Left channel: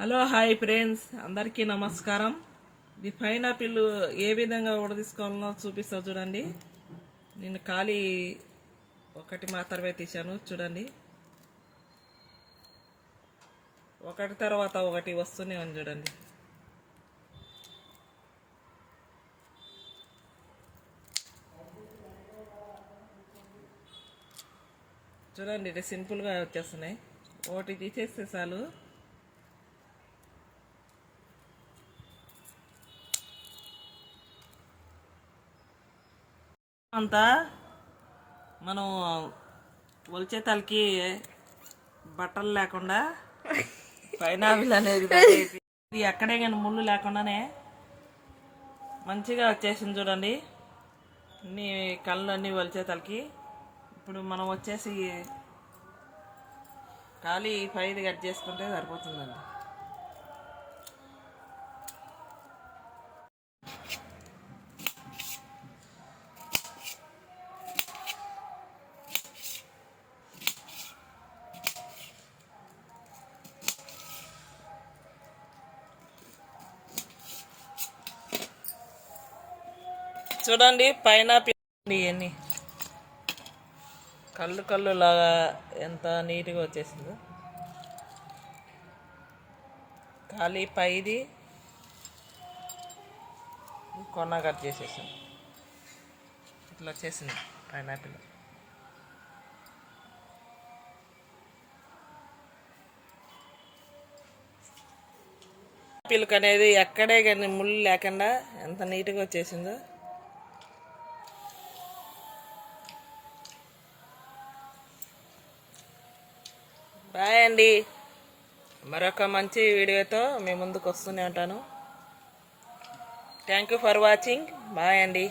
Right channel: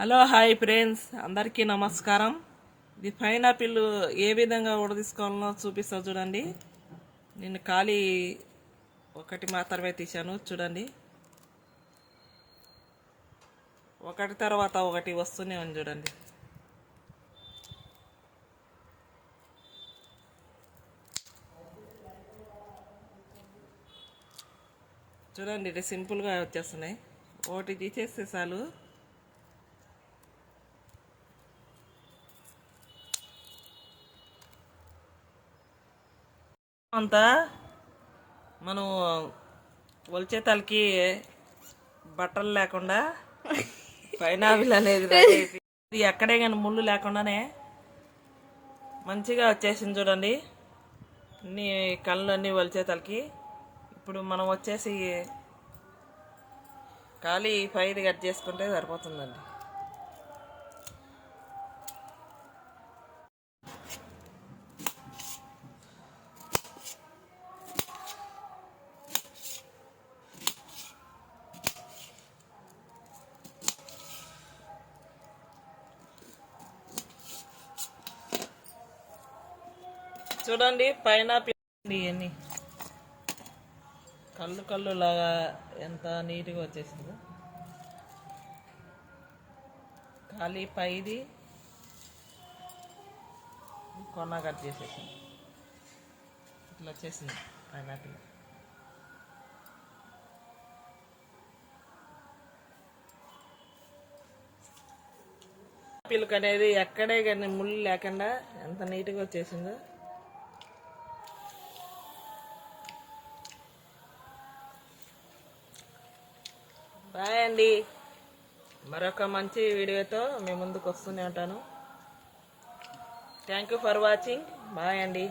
Hello hi friends, అందరికీ నమస్కారం. ఇది పైనాపిల్ ఏ విధంగా ఉడదీసుకోవాలో చూపిస్తా చూడండి. నేను ఖాళీ ఒకటి మాత్రమే తీశాను చూడండి. ఒకటి తర్వాత ఒకటి వస్తూనే ఉంది చూడండి. చూడండి, ఇది సింపుల్గా వచ్చేస్తున్నాయి. ఒకటి తీసేస్తే చాలు. అంతా మనం ఒలిచే తలకి బట్టలు లేకుండా పైనాపిల్ అనేది ఇది ఎక్కడే కానీ ముళ్ళు లేకుండానే మంచిగా వచ్చేసింది చూడండి. అన్ని కళ్ళు అన్నీ ఒలిచే తలకి. ఇప్పుడు మనం వచ్చేసి ఖాళీ పైది కట్ చేసుకుంటే సరిపోతుందండి. చూడండి, పైనాపిల్ ఇవన్నీ కళ్ళు లాగా ఎంత నీట్గా వచ్చేసిందో. ఖాళీ పైది కొన్న కట్ చేసేసాను. ఇట్లా వచ్చేసింది పైనాపిల్. పిల్క్ అనేది ఎక్కడే కానీ ముళ్ళు లేకుండా ఎంత నీట్గా వచ్చేసిందో. బాయ్ అండి. మరొక మంచి వీడియోతో మీ ముందుకు వస్తూనే ఉంటాను. Thank you for watching. Bye అండి.